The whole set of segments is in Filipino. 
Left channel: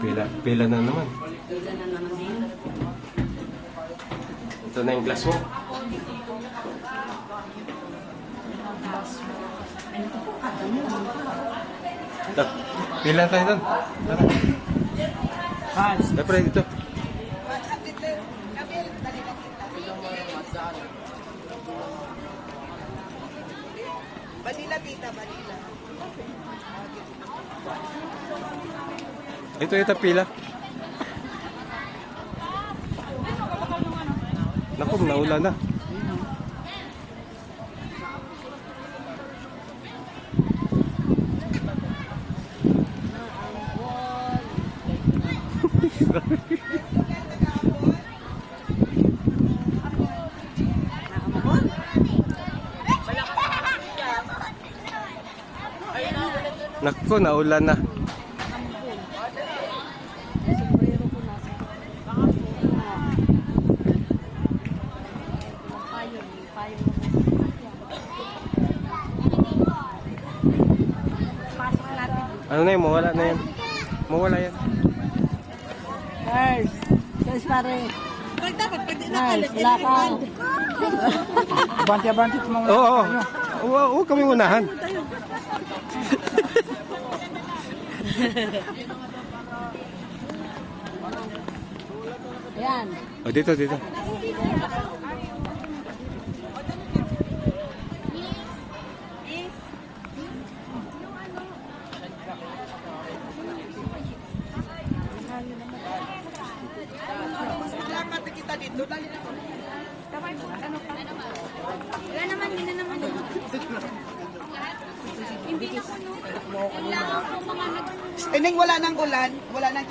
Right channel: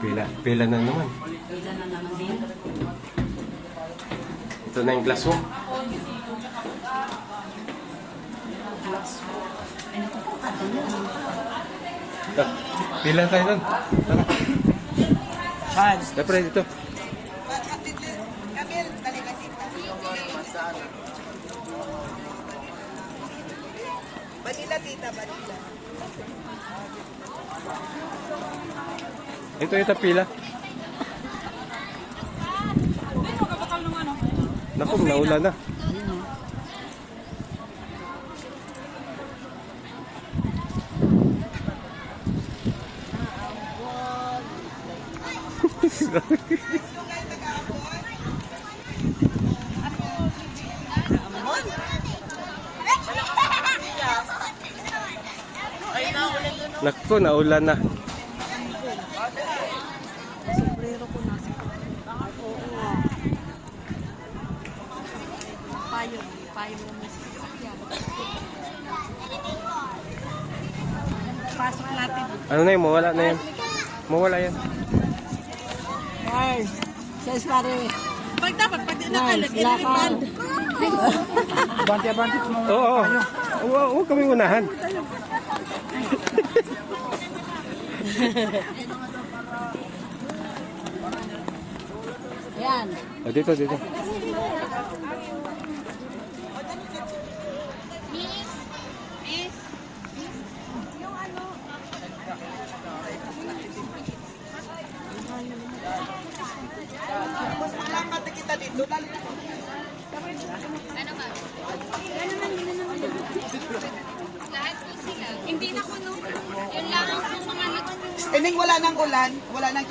Pila na naman. Pila na naman. Ito na yung glass mo. Ano ko po kadami naman. Ito. Pila tayo doon. Tara. Charles. Dapat ito. Vanilla tita, vanilla. Ito pila. Naku, naulan na. Naku, naulan na. Sombrero ko nasa payo. Pasok natin. Ano na yun? Mawala na yan. Mawala yan. Charles. Charles pare. Pag di nakalit, Lakad. Banti-banti mo Oo. Huwag kami unahan. Yan. O, dito. Salamat na kita dito. Hindi na kuno. Yun lang ang mga Ining wala nang ulan, wala nang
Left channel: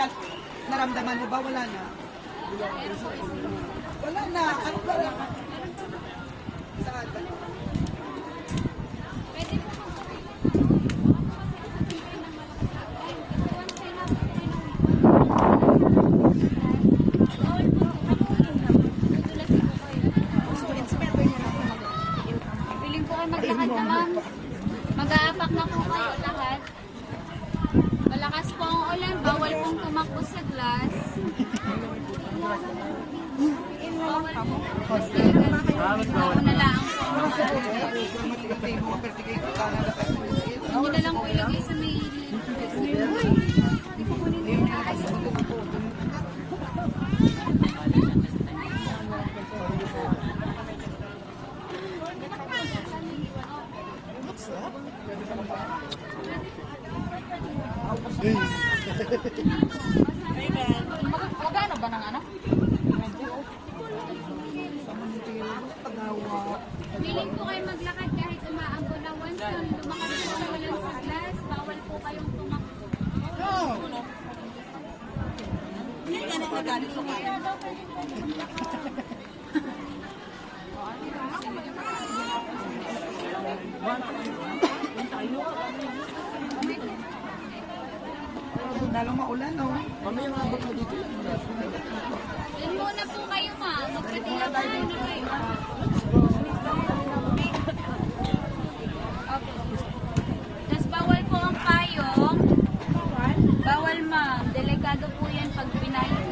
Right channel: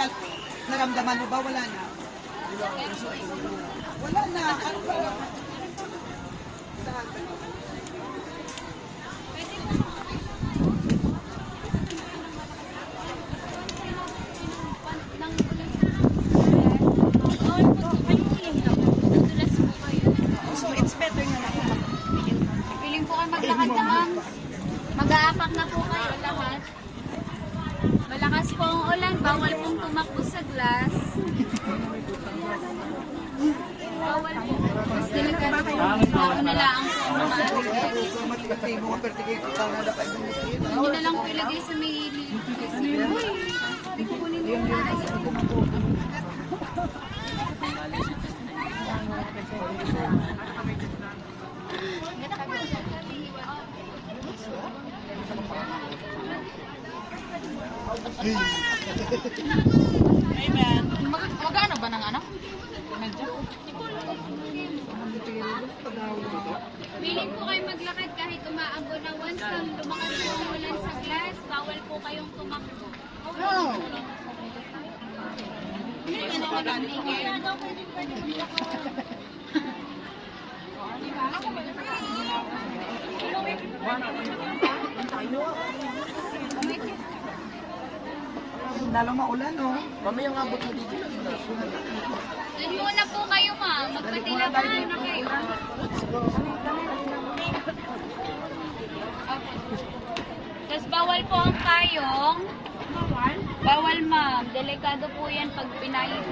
naramdaman mo ba? Wala na. Wala na. Ano ba? Saan ba? Piling po kayo maglakad na ma'am. Mag-aapak na po kayo lahat. Malakas po ang ulan, bawal pong tumakbo sa glass. Bawal po. Ako na lang po hindi na lang po ilagay sa may hindi po kunin yung Magkano ba ng ano? Willing po kayo maglakad kahit umaambon na once nang lumakas po ang ulan sa glass, bawal po kayong tumakbo. Lalong maulan, no? Doon muna po kayo ma'am, magpatilaban na kayo. Okay. Tapos bawal po ang payong. Bawal ma'am, delikado po yan pag pinalit